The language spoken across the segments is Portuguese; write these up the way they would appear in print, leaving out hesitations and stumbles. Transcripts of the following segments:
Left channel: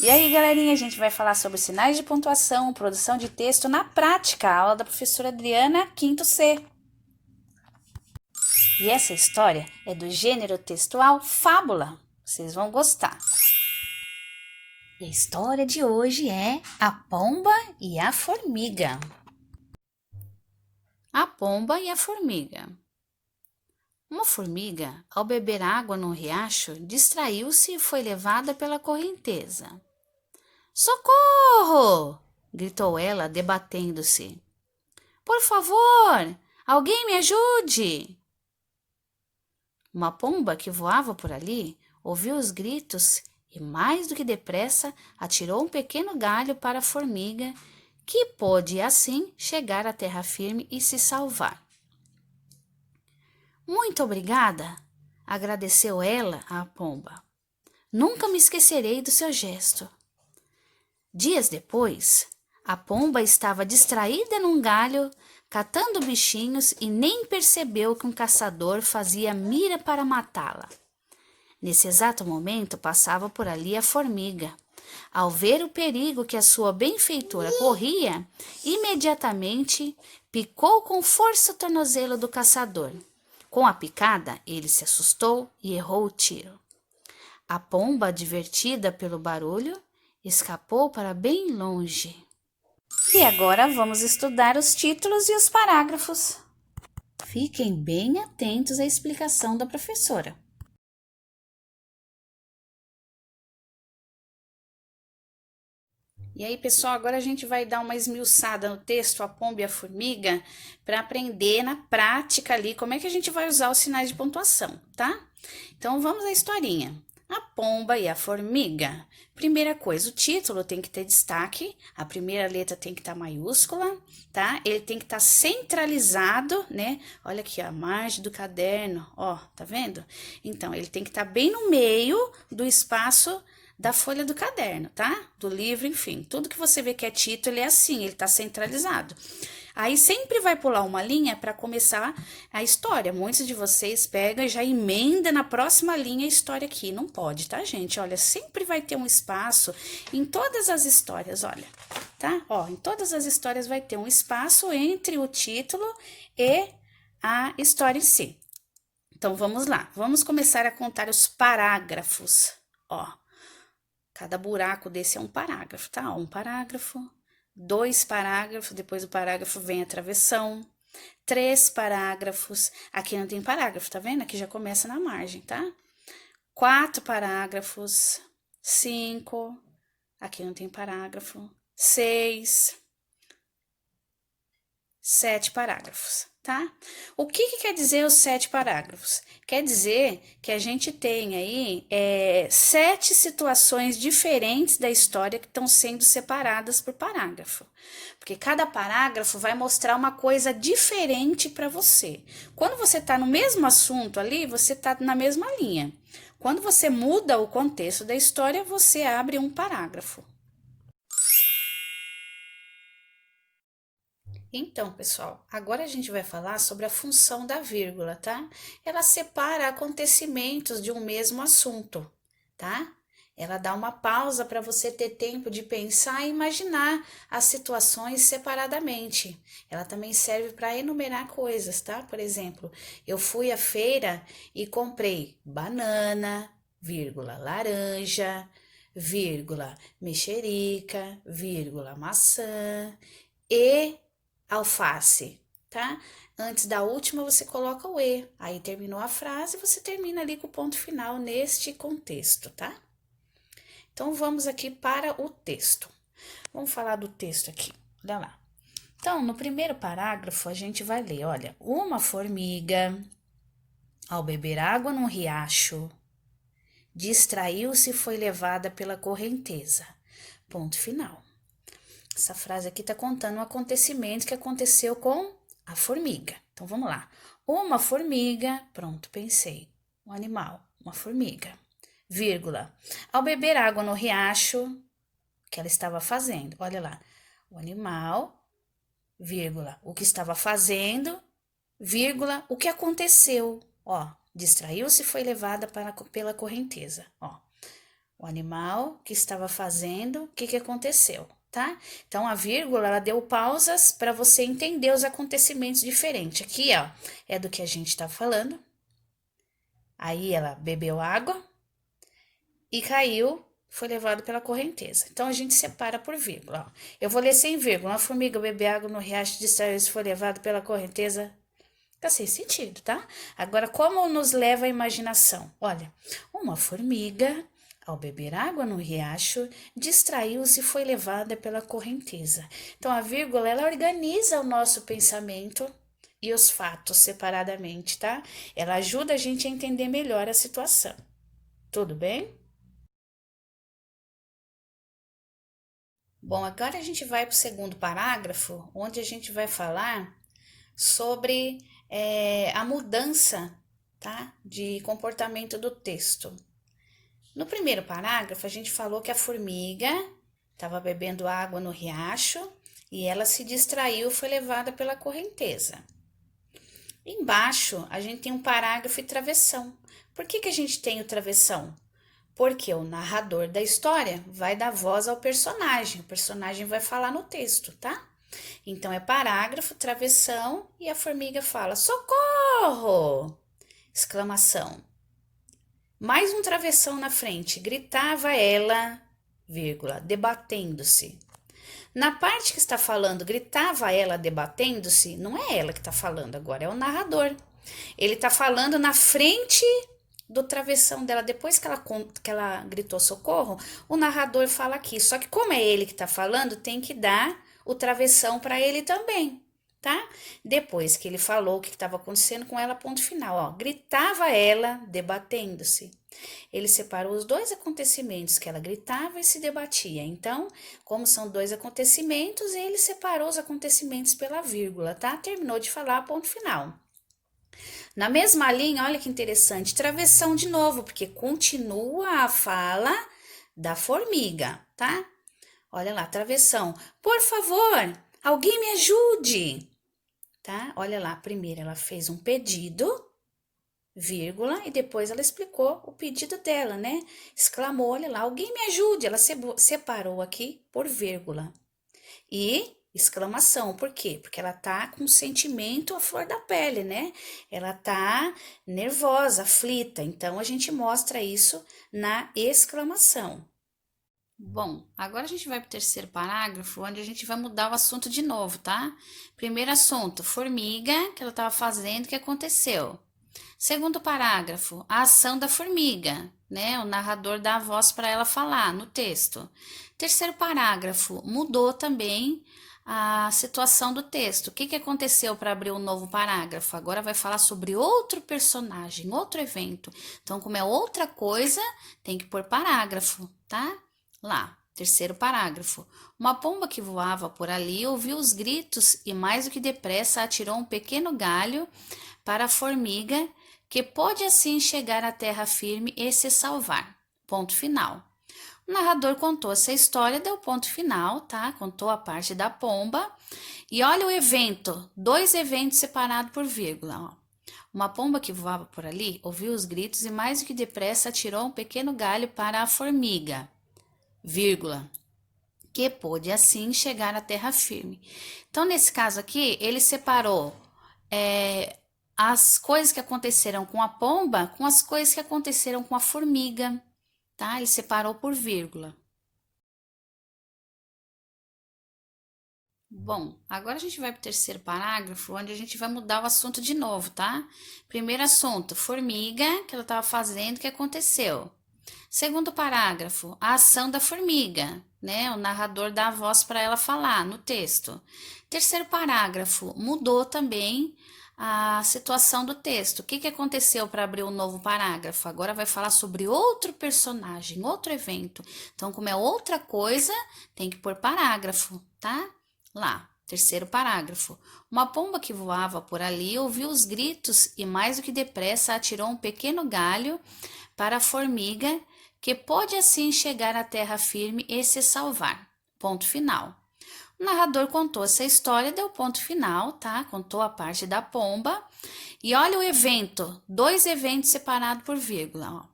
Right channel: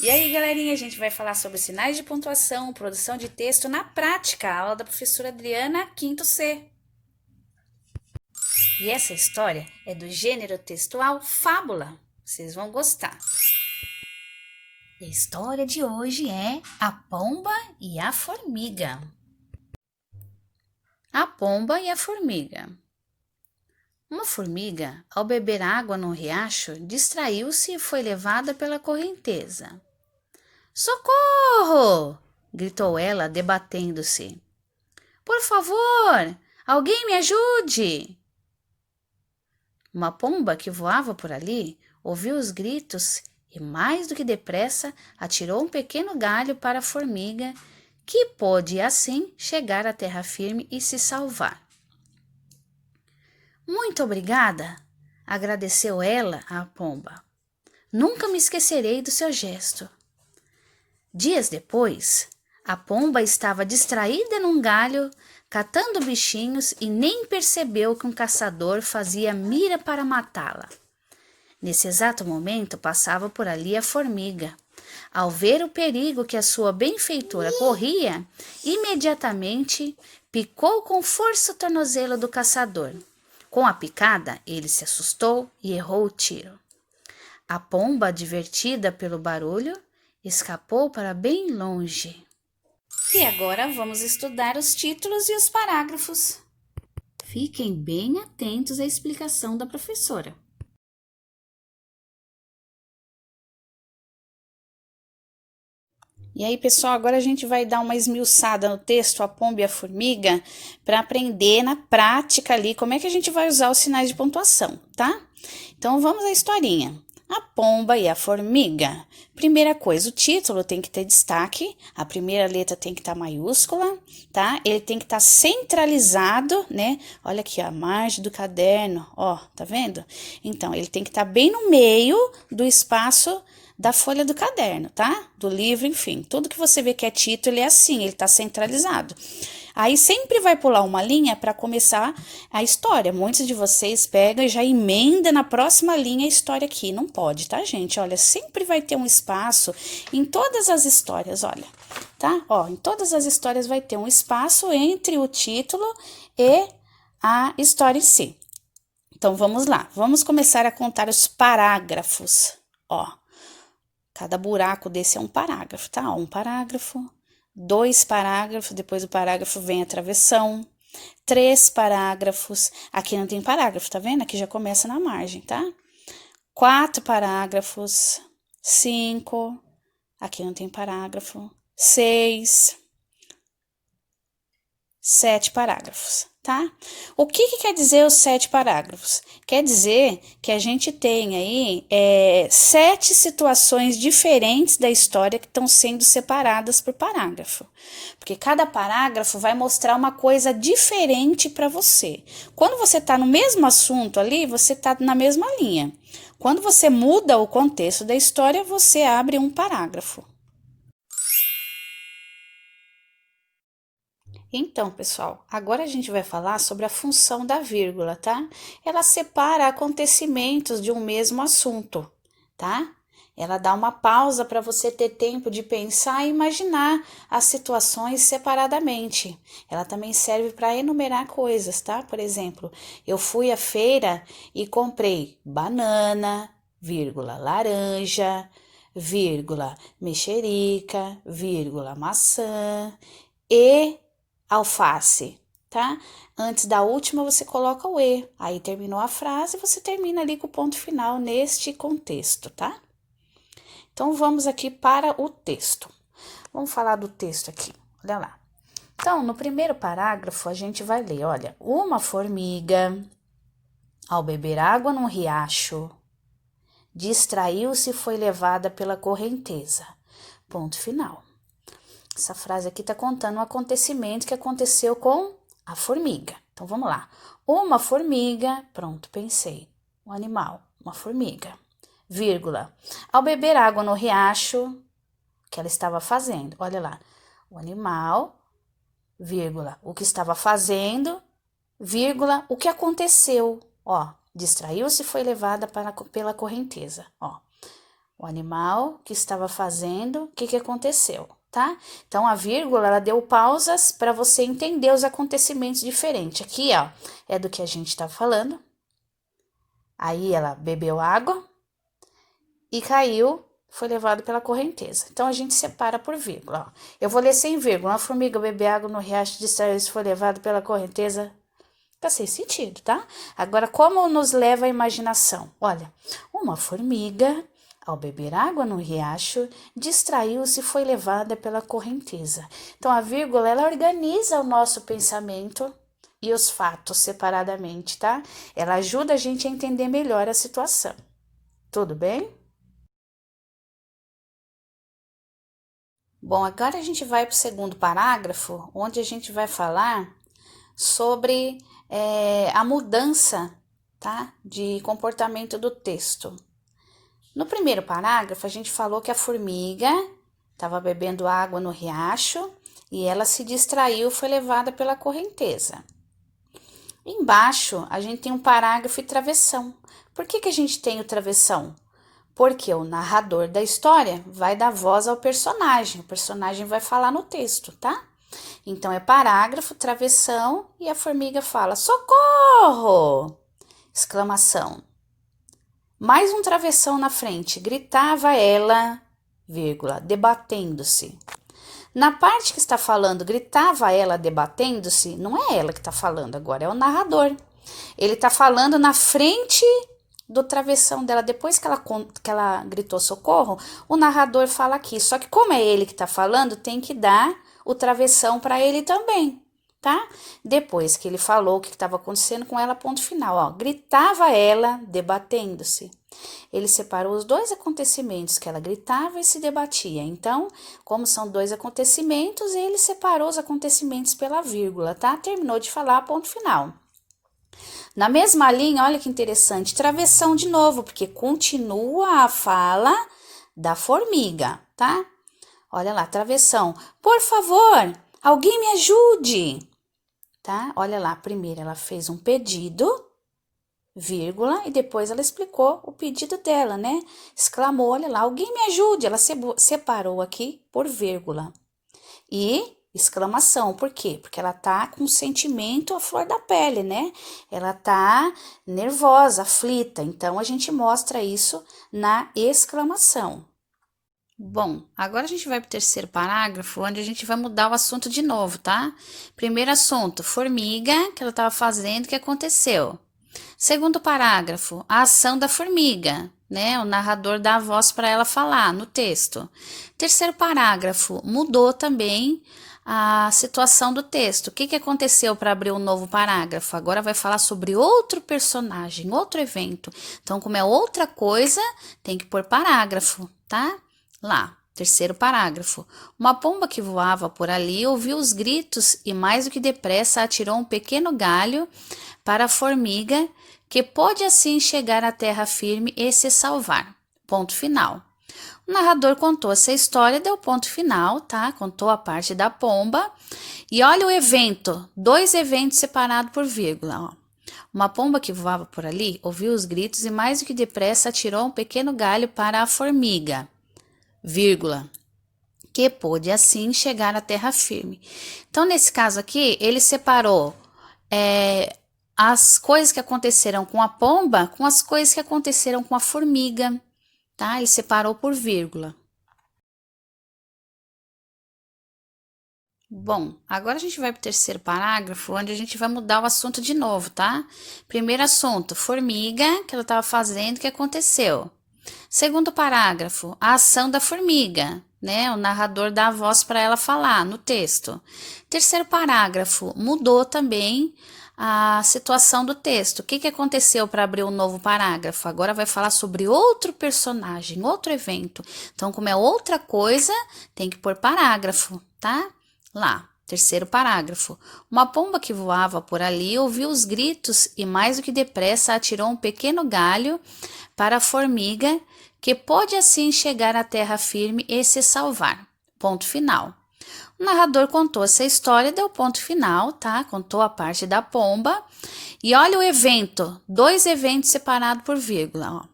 E aí, galerinha, a gente vai falar sobre sinais de pontuação, produção de texto na prática, a aula da professora Adriana, quinto C. E essa história é do gênero textual fábula. Vocês vão gostar. E a história de hoje é A Pomba e a Formiga. A Pomba e a Formiga. Uma formiga, ao beber água num riacho, distraiu-se e foi levada pela correnteza. Socorro! Gritou ela, debatendo-se. Por favor, alguém me ajude! Uma pomba que voava por ali ouviu os gritos e, mais do que depressa, atirou um pequeno galho para a formiga, que pôde assim chegar à terra firme e se salvar. Muito obrigada, agradeceu ela à pomba. Nunca me esquecerei do seu gesto. Dias depois, a pomba estava distraída num galho, catando bichinhos e nem percebeu que um caçador fazia mira para matá-la. Nesse exato momento, passava por ali a formiga. Ao ver o perigo que a sua benfeitora corria, imediatamente picou com força o tornozelo do caçador. Com a picada, ele se assustou e errou o tiro. A pomba, divertida pelo barulho, escapou para bem longe. E agora vamos estudar os títulos e os parágrafos. Fiquem bem atentos à explicação da professora. E aí, pessoal, agora a gente vai dar uma esmiuçada no texto A Pomba e a Formiga para aprender na prática ali como é que a gente vai usar os sinais de pontuação, tá? Então, vamos à historinha. A Pomba e a Formiga. Primeira coisa, o título tem que ter destaque, a primeira letra tem que estar maiúscula, tá? Ele tem que estar centralizado, né? Olha aqui, ó, a margem do caderno, ó, tá vendo? Então, ele tem que estar bem no meio do espaço da folha do caderno, tá? Do livro, enfim. Tudo que você vê que é título é assim, ele tá centralizado. Aí sempre vai pular uma linha para começar a história. Muitos de vocês pegam e já emenda na próxima linha a história aqui. Não pode, tá, gente? Olha, sempre vai ter um espaço em todas as histórias, olha, tá? Ó, em todas as histórias vai ter um espaço entre o título e a história em si. Então, vamos lá. Vamos começar a contar os parágrafos, ó. Cada buraco desse é um parágrafo, tá? Um parágrafo, 2 parágrafos, depois do parágrafo vem a travessão, 3 parágrafos, aqui não tem parágrafo, tá vendo? Aqui já começa na margem, tá? 4 parágrafos, 5, aqui não tem parágrafo, 6, 7 parágrafos, tá? O que quer dizer os 7 parágrafos? Quer dizer que a gente tem aí 7 situações diferentes da história que estão sendo separadas por parágrafo. Porque cada parágrafo vai mostrar uma coisa diferente para você. Quando você está no mesmo assunto ali, você está na mesma linha. Quando você muda o contexto da história, você abre um parágrafo. Então, pessoal, agora a gente vai falar sobre a função da vírgula, tá? Ela separa acontecimentos de um mesmo assunto, tá? Ela dá uma pausa para você ter tempo de pensar e imaginar as situações separadamente. Ela também serve para enumerar coisas, tá? Por exemplo, eu fui à feira e comprei banana, vírgula, laranja, vírgula, mexerica, vírgula, maçã e alface, tá? Antes da última você coloca o e, aí terminou a frase, você termina ali com o ponto final neste contexto, tá? Então vamos aqui para o texto. Vamos falar do texto aqui, olha lá. Então, no primeiro parágrafo a gente vai ler, olha, uma formiga, ao beber água num riacho, distraiu-se e foi levada pela correnteza. Ponto final. Essa frase aqui está contando um acontecimento que aconteceu com a formiga. Então, vamos lá. Uma formiga, pronto, pensei. Um animal, uma formiga, vírgula. Ao beber água no riacho, o que ela estava fazendo? Olha lá. O animal, vírgula, o que estava fazendo, vírgula, o que aconteceu. Ó, distraiu-se e foi levada pela correnteza. Ó, O animal que estava fazendo, o que que aconteceu, tá? Então, a vírgula, ela deu pausas para você entender os acontecimentos diferentes. Aqui, ó, é do que a gente tá falando. Aí, ela bebeu água e caiu, foi levado pela correnteza. Então, a gente separa por vírgula, ó. Eu vou ler sem vírgula. Uma formiga bebeu água no riacho, distraiu-se, foi levado pela correnteza. Tá sem sentido, tá? Agora, como nos leva a imaginação? Olha, uma formiga, ao beber água no riacho, distraiu-se e foi levada pela correnteza. Então, a vírgula, ela organiza o nosso pensamento e os fatos separadamente, tá? Ela ajuda a gente a entender melhor a situação. Tudo bem? Bom, agora a gente vai para o segundo parágrafo, onde a gente vai falar sobre a mudança, tá, de comportamento do texto. No primeiro parágrafo, a gente falou que a formiga estava bebendo água no riacho e ela se distraiu, foi levada pela correnteza. Embaixo, a gente tem um parágrafo e travessão. Por que que a gente tem o travessão? Porque o narrador da história vai dar voz ao personagem. O personagem vai falar no texto, tá? Então, é parágrafo, travessão, e a formiga fala, socorro! Exclamação. Mais um travessão na frente, gritava ela, vírgula, debatendo-se. Na parte que está falando, gritava ela debatendo-se, não é ela que está falando agora, é o narrador. Ele está falando na frente do travessão dela, depois que ela gritou socorro, o narrador fala aqui. Só que como é ele que está falando, tem que dar o travessão para ele também, tá? Depois que ele falou o que estava acontecendo com ela, ponto final, ó. Gritava ela, debatendo-se. Ele separou os dois acontecimentos, que ela gritava e se debatia. Então, como são dois acontecimentos, ele separou os acontecimentos pela vírgula, tá? Terminou de falar, ponto final. Na mesma linha, olha que interessante, travessão de novo, porque continua a fala da formiga, tá? Olha lá, travessão. Por favor, alguém me ajude, tá? Olha lá, primeiro ela fez um pedido, vírgula, e depois ela explicou o pedido dela, né? Exclamou, olha lá, alguém me ajude. Ela separou aqui por vírgula. E exclamação, por quê? Porque ela tá com sentimento à flor da pele, né? Ela tá nervosa, aflita. Então, a gente mostra isso na exclamação. Bom, agora a gente vai para o terceiro parágrafo, onde a gente vai mudar o assunto de novo, tá? Primeiro assunto, formiga, que ela estava fazendo, o que aconteceu? Segundo parágrafo, a ação da formiga, né? O narrador dá a voz para ela falar no texto. Terceiro parágrafo, mudou também a situação do texto. O que que aconteceu para abrir um novo parágrafo? Agora vai falar sobre outro personagem, outro evento. Então, como é outra coisa, tem que pôr parágrafo, tá? Lá, terceiro parágrafo. Uma pomba que voava por ali ouviu os gritos e, mais do que depressa, atirou um pequeno galho para a formiga, que pôde assim chegar à terra firme e se salvar. Ponto final. O narrador contou essa história, deu ponto final, tá? Contou a parte da pomba. E olha o evento, dois eventos separados por vírgula, ó. Uma pomba que voava por ali ouviu os gritos e, mais do que depressa, atirou um pequeno galho para a formiga, vírgula, que pôde assim chegar à terra firme. Então, nesse caso aqui, ele separou as coisas que aconteceram com a pomba com as coisas que aconteceram com a formiga, tá? Ele separou por vírgula. Bom, agora a gente vai para o terceiro parágrafo, onde a gente vai mudar o assunto de novo, tá? Primeiro assunto, formiga, que ela estava fazendo, o que aconteceu? Segundo parágrafo, a ação da formiga, né? O narrador dá a voz para ela falar no texto. Terceiro parágrafo, mudou também a situação do texto. O que que aconteceu para abrir um novo parágrafo? Agora vai falar sobre outro personagem, outro evento. Então, como é outra coisa, tem que pôr parágrafo, tá? Lá, terceiro parágrafo. Uma pomba que voava por ali ouviu os gritos e, mais do que depressa, atirou um pequeno galho para a formiga, que pôde assim chegar à terra firme e se salvar. Ponto final. O narrador contou essa história, deu ponto final, tá? Contou a parte da pomba. E olha o evento, dois eventos separados por vírgula, ó.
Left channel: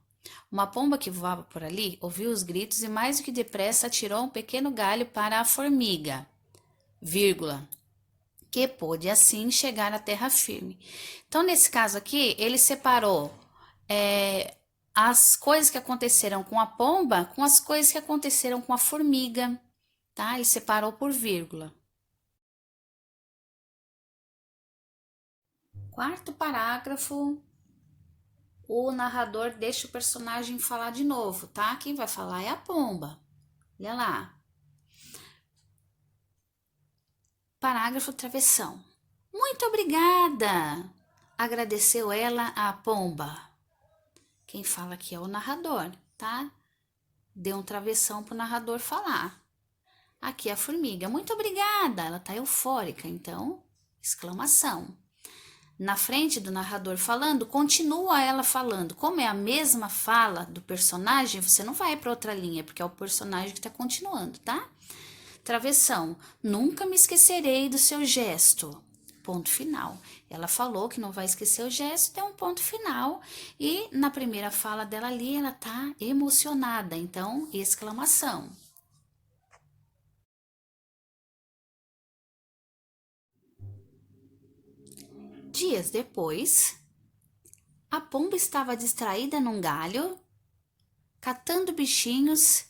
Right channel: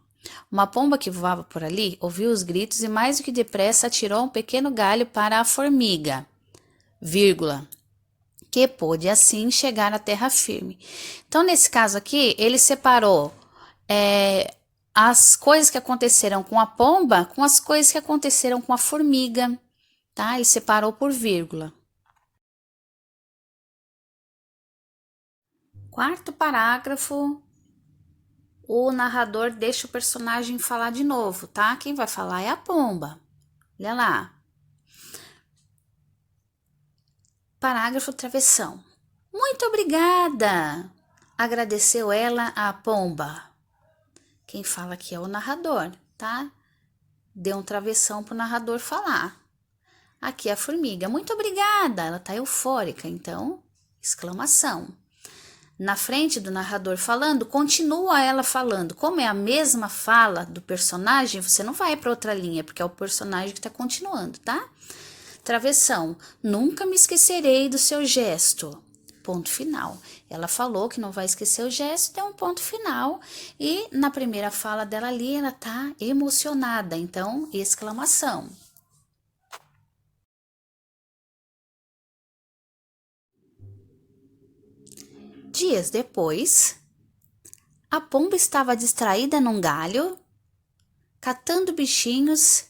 Uma pomba que voava por ali ouviu os gritos e mais do que depressa atirou um pequeno galho para a formiga, vírgula, que pôde assim chegar à terra firme. Então, nesse caso aqui, ele separou as coisas que aconteceram com a pomba com as coisas que aconteceram com a formiga, tá? Ele separou por vírgula. Quarto parágrafo, o narrador deixa o personagem falar de novo, tá? Quem vai falar é a pomba. Olha lá. Parágrafo travessão. Muito obrigada! Agradeceu ela à pomba. Quem fala aqui é o narrador, tá? Deu um travessão pro narrador falar. Aqui a formiga. Muito obrigada! Ela tá eufórica, então, exclamação. Na frente do narrador falando, continua ela falando. Como é a mesma fala do personagem, você não vai para outra linha, porque é o personagem que está continuando, tá? Travessão. Nunca me esquecerei do seu gesto. Ponto final. Ela falou que não vai esquecer o gesto, deu um ponto final. E na primeira fala dela ali, ela tá emocionada, então, exclamação. Dias depois, a pomba estava distraída num galho, catando bichinhos,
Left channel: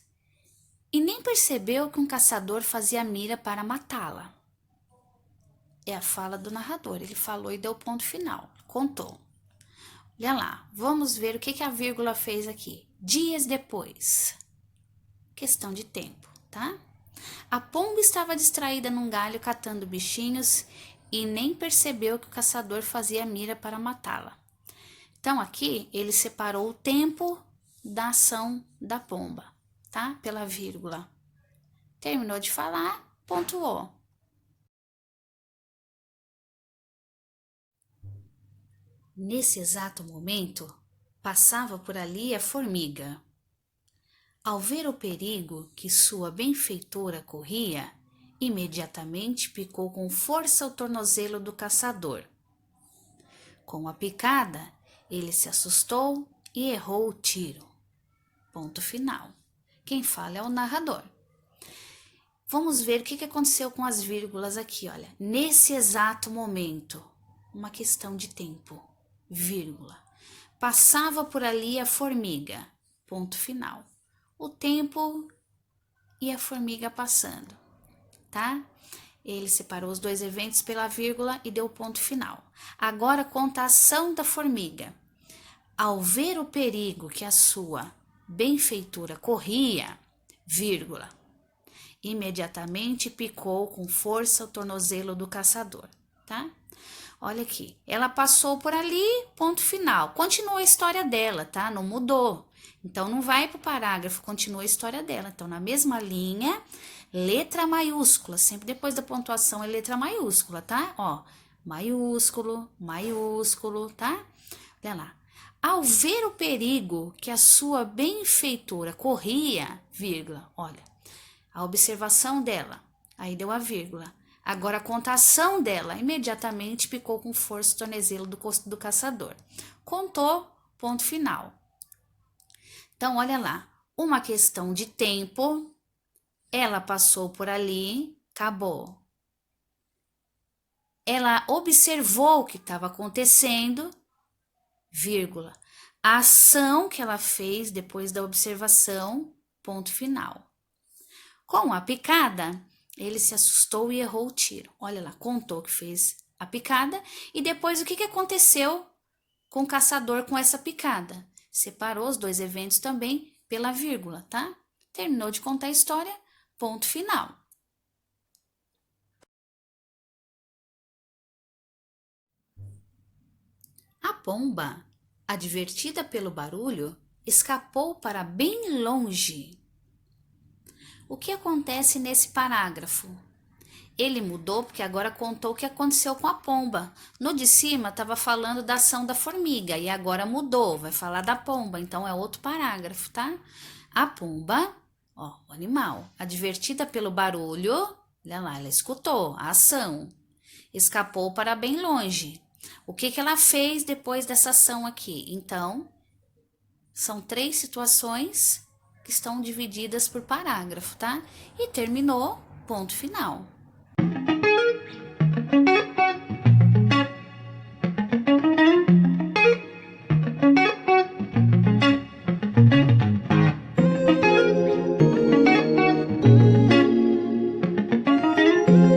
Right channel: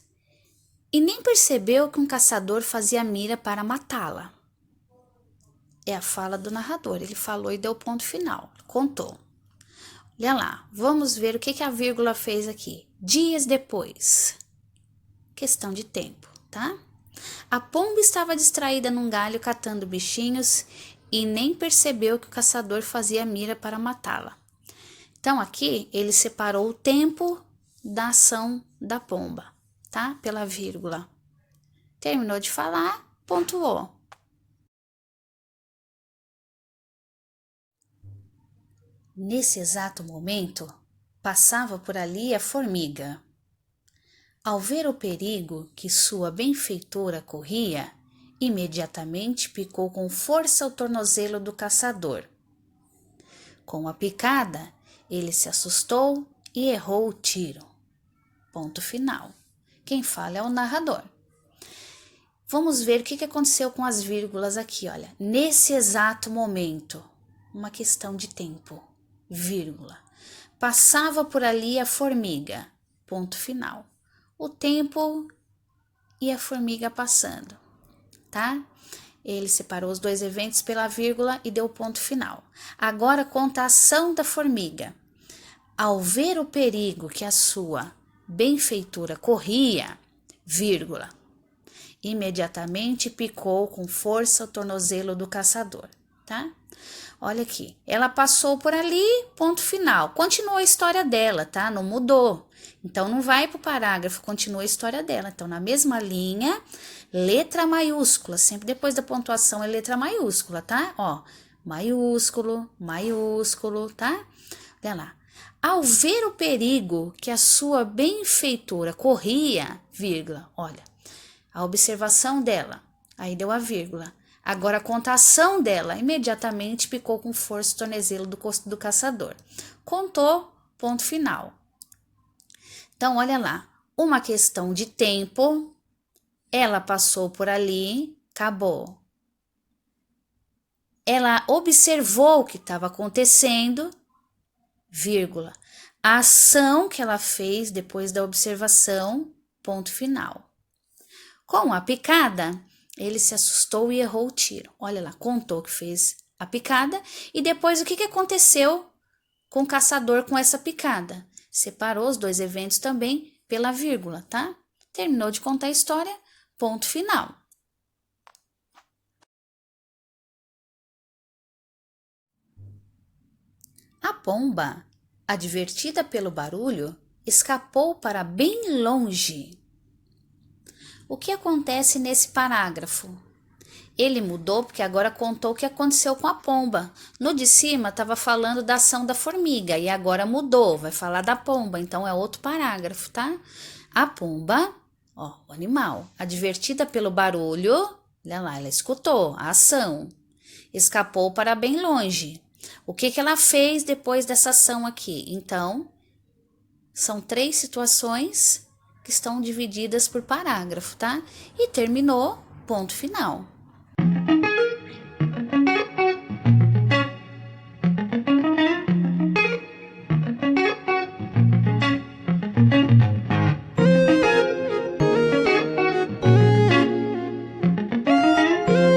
e nem percebeu que um caçador fazia mira para matá-la. É a fala do narrador, ele falou e deu ponto final, contou. Olha lá, vamos ver o que a vírgula fez aqui. Dias depois. Questão de tempo, tá? A pomba estava distraída num galho catando bichinhos e nem percebeu que o caçador fazia mira para matá-la. Então, aqui, ele separou o tempo da ação da pomba, tá? Pela vírgula. Terminou de falar, pontuou. Nesse exato momento, passava por ali a formiga. Ao ver o perigo que sua benfeitora corria, imediatamente picou com força o tornozelo do caçador. Com a picada, ele se assustou e errou o tiro. Ponto final. Quem fala é o narrador. Vamos ver o que aconteceu com as vírgulas aqui, olha. Nesse exato momento, uma questão de tempo, vírgula. Passava por ali a formiga, ponto final. O tempo e a formiga passando, tá? Ele separou os dois eventos pela vírgula e deu ponto final. Agora conta a ação da formiga. Ao ver o perigo que a sua benfeitora corria, vírgula, imediatamente picou com força o tornozelo do caçador, tá? Olha aqui, ela passou por ali, ponto final. Continua a história dela, tá? Não mudou. Então, não vai pro parágrafo, continua a história dela. Então, na mesma linha, letra maiúscula, sempre depois da pontuação é letra maiúscula, tá? Ó, maiúsculo, maiúsculo, tá? Olha lá. Ao ver o perigo que a sua benfeitora corria, vírgula, olha, a observação dela, aí deu a vírgula. Agora a contação dela, imediatamente picou com força o tornozelo do caçador. Contou, ponto final. Então, olha lá, uma questão de tempo, ela passou por ali, acabou. Ela observou o que estava acontecendo, vírgula. A ação que ela fez depois da observação, ponto final. Com a picada, ele se assustou e errou o tiro. Olha lá, contou que fez a picada e depois o que aconteceu com o caçador com essa picada. Separou os dois eventos também pela vírgula, tá? Terminou de contar a história, ponto final. A pomba, advertida pelo barulho, escapou para bem longe. O que acontece nesse parágrafo? Ele mudou porque agora contou o que aconteceu com a pomba. No de cima estava falando da ação da formiga e agora mudou, vai falar da pomba, então é outro parágrafo, tá? A pomba, ó, o animal, advertida pelo barulho, olha lá, ela escutou a ação, escapou para bem longe. O que ela fez depois dessa ação aqui? Então, São 3 situações que estão divididas por parágrafo, tá? E terminou, ponto final.